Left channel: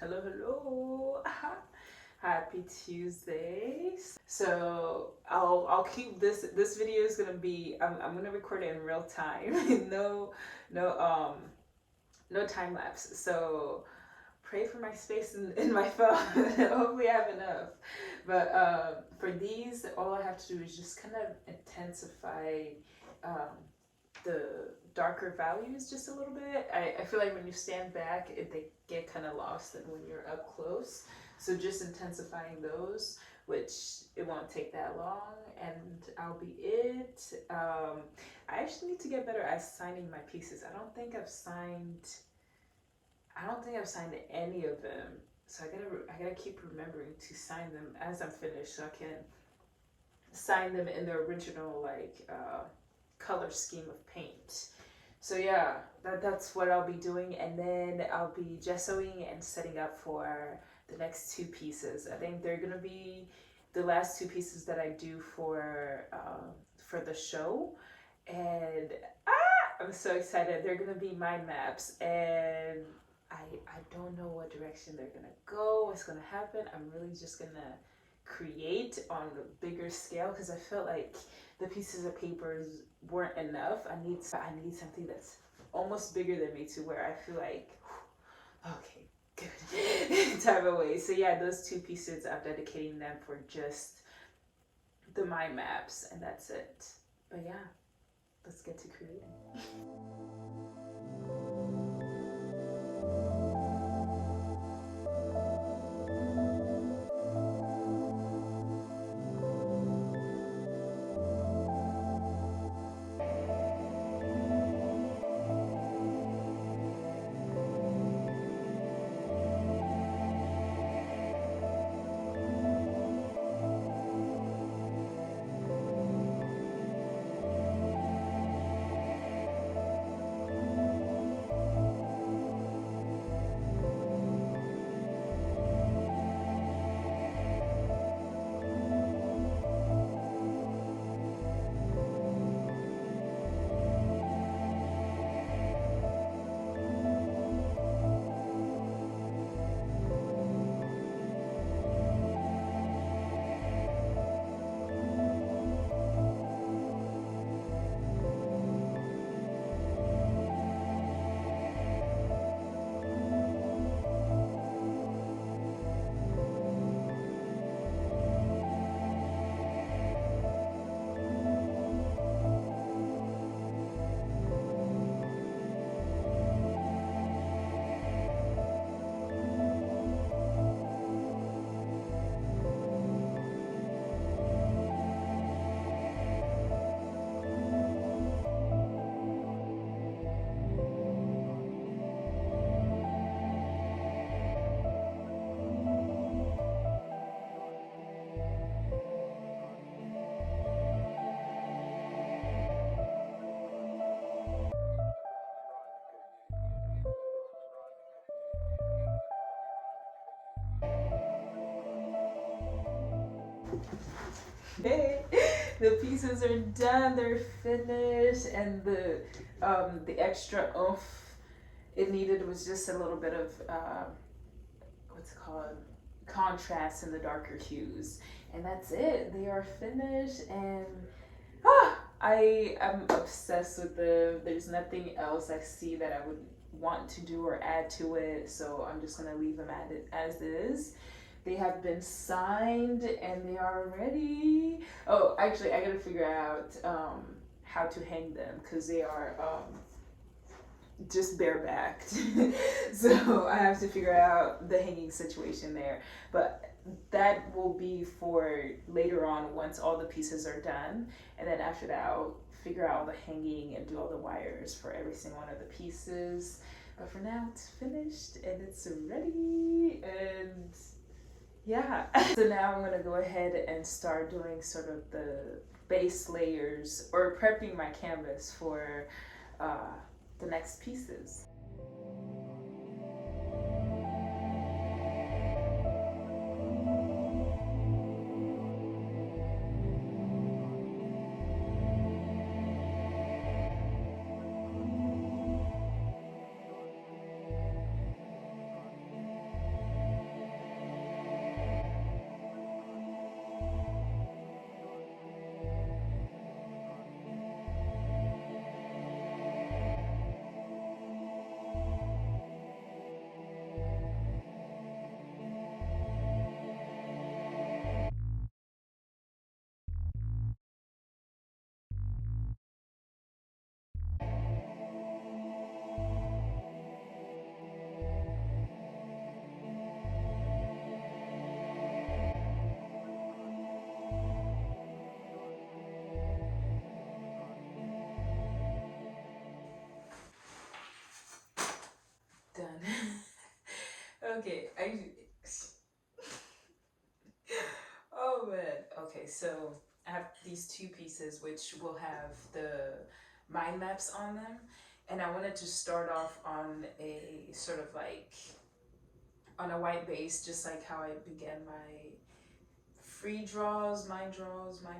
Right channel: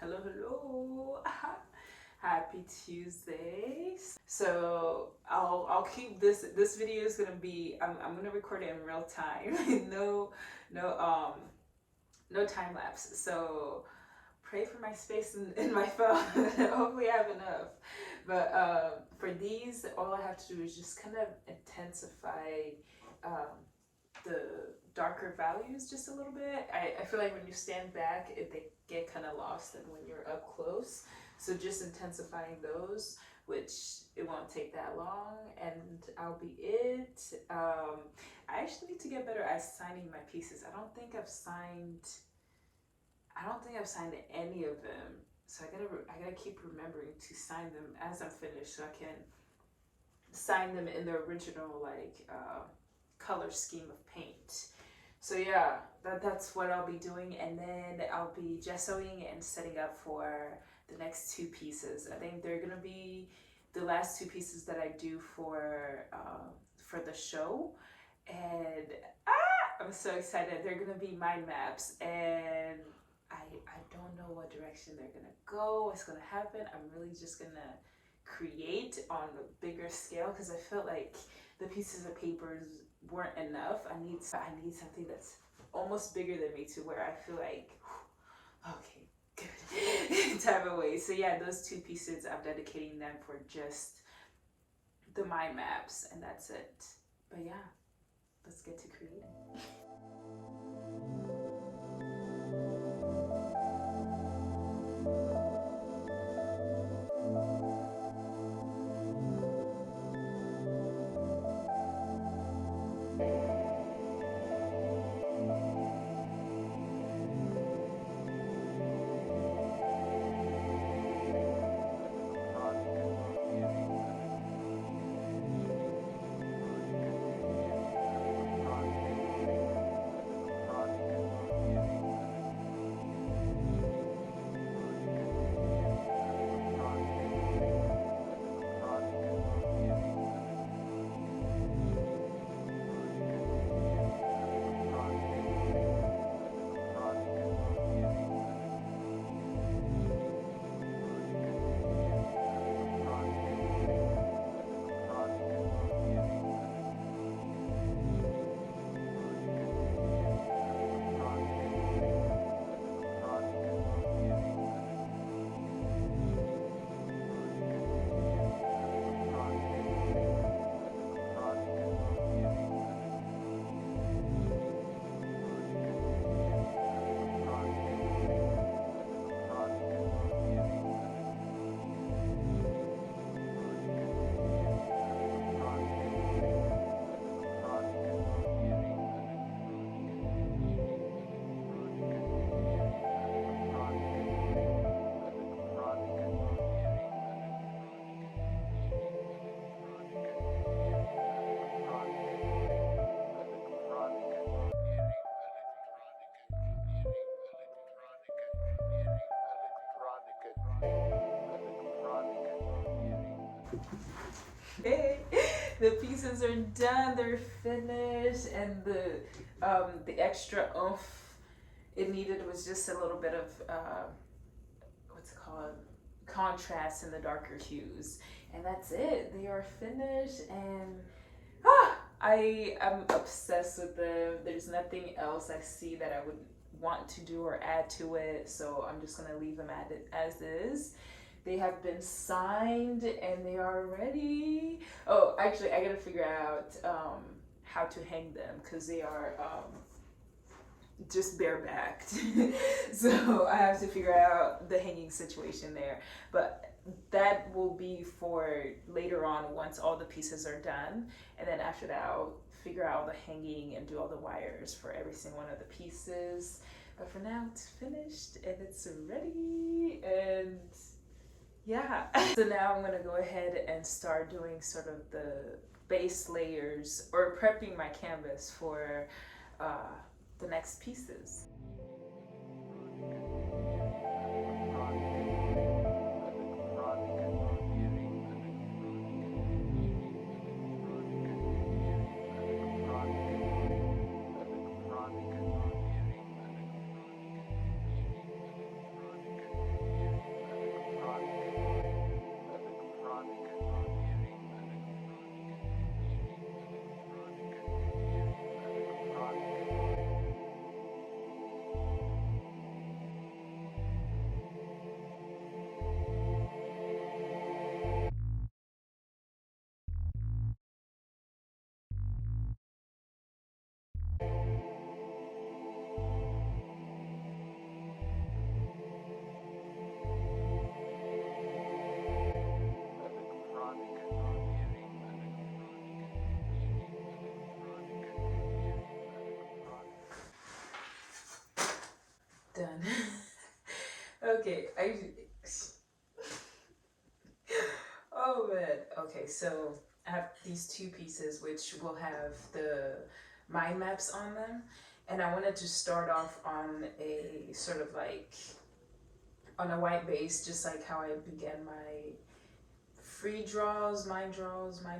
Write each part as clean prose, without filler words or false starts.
Hello, hello. Happy Tuesday. So I'll keep this video is gonna be I'm gonna record it in real time. No no time lapse. So pray for my space in my phone. Hopefully I have enough. But for these, all I have to do is just kind of intensify um, the darker values just a little bit. I feel like when you stand back, they get kind of lost and when you're up close. So just intensifying those, which it won't take that long, and I'll be it. I actually need to get better at signing my pieces. I don't think I've signed any of them. So I gotta keep remembering to sign them as I'm finished, so I can sign them in the original color scheme of paint. So yeah, that's what I'll be doing, and then I'll be gessoing and setting up for the next two pieces. I think they're gonna be the last two pieces that I do for the show, and I'm so excited. They're gonna be mind maps, and I don't know what direction they're gonna go, what's gonna happen. I'm really just gonna create on a bigger scale because I felt like the pieces of papers weren't enough. I need something that's almost bigger than me to where I feel like okay, good type of way. So yeah, those two pieces I'm dedicating them for just the mind maps, and that's it. But yeah, let's get to creating. Hey, the pieces are done, they're finished, and the extra oomph it needed was just a little bit of what's it called, contrast in the darker hues, and that's it. They are finished, and I am obsessed with them. There's nothing else I see that I would want to do or add to it, so I'm just gonna leave them at it as is. They have been signed and they are ready. Oh, actually, I gotta figure out how to hang them because they are just barebacked. So I have to figure out the hanging situation there. But that will be for later on once all the pieces are done. And then after that, I'll figure out the hanging and do all the wires for every single one of the pieces. But for now, it's finished and it's ready. And yeah. So now I'm gonna go ahead and start doing sort of the base layers or prepping my canvas for the next pieces. Okay, oh man. Okay, so I have these two pieces which will have the mind maps on them, and I wanted to start off on a sort of like on a white base, just like how I began my free draws, mind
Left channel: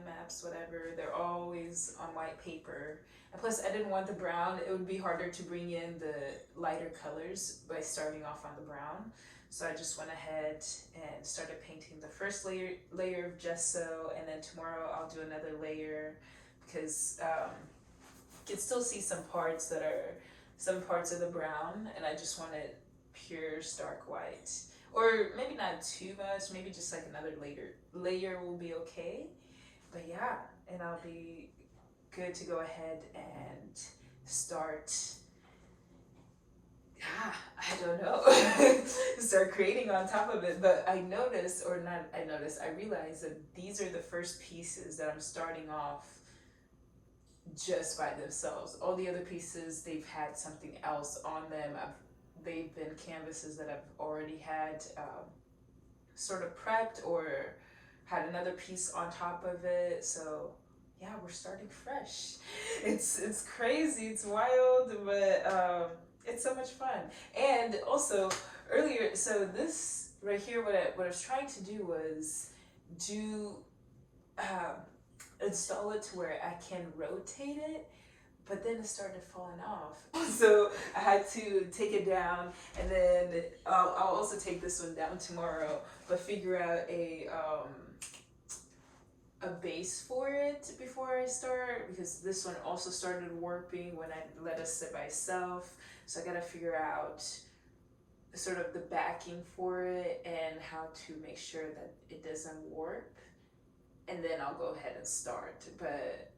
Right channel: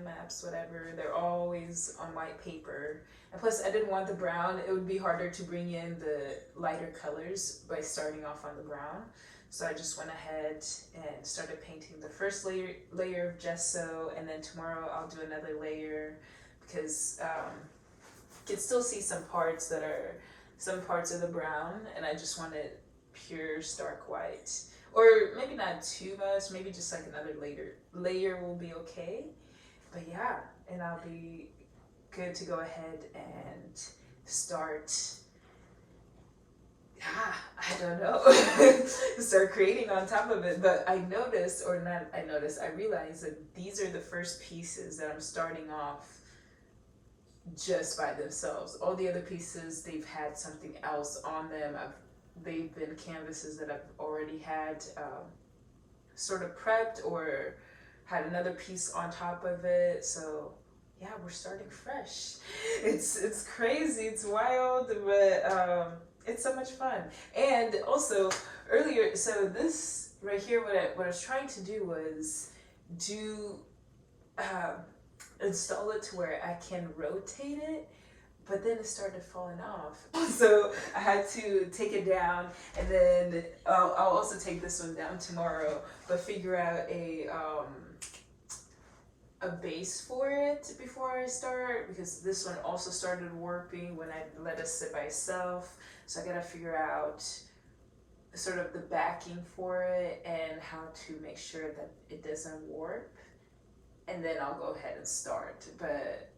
maps, whatever. They're always on white paper. And plus, I didn't want the brown. It would be harder to bring in the lighter colors by starting off on the brown. So I just went ahead and started painting the first layer of gesso, and then tomorrow I'll do another layer because you can still see some parts of the brown, and I just wanted pure stark white. Or maybe not too much, maybe just like another layer will be okay. But yeah, and I'll be good to go ahead and start, I don't know, start creating on top of it. But I realized that these are the first pieces that I'm starting off just by themselves. All the other pieces, they've had something else on them. They've been canvases that I've already had sort of prepped or had another piece on top of it. So yeah, we're starting fresh. It's crazy, it's wild, but it's so much fun. And also earlier, so this right here, what I was trying to do was install it to where I can rotate it, but then it started falling off. So I had to take it down, and then I'll also take this one down tomorrow, but figure out a base for it before I start, because this one also started warping when I let it sit by itself. So I gotta figure out sort of the backing for it and how to make sure that it doesn't warp, and then I'll go ahead and start. But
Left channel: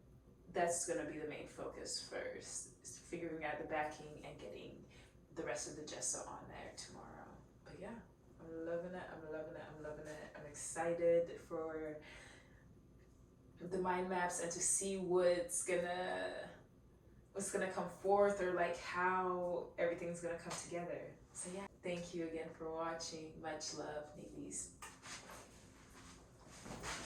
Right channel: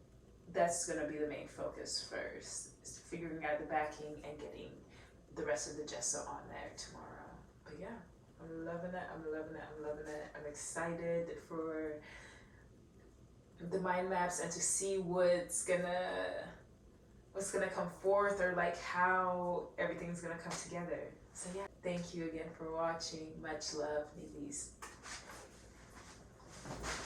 that's gonna be the main focus first, is figuring out the backing and getting the rest of the gesso on there tomorrow. But yeah, I'm loving it, I'm loving it, I'm loving it. I'm excited for the mind maps and to see what's gonna come forth, or like how everything's gonna come together. So yeah, thank you again for watching. Much love, Nibizi.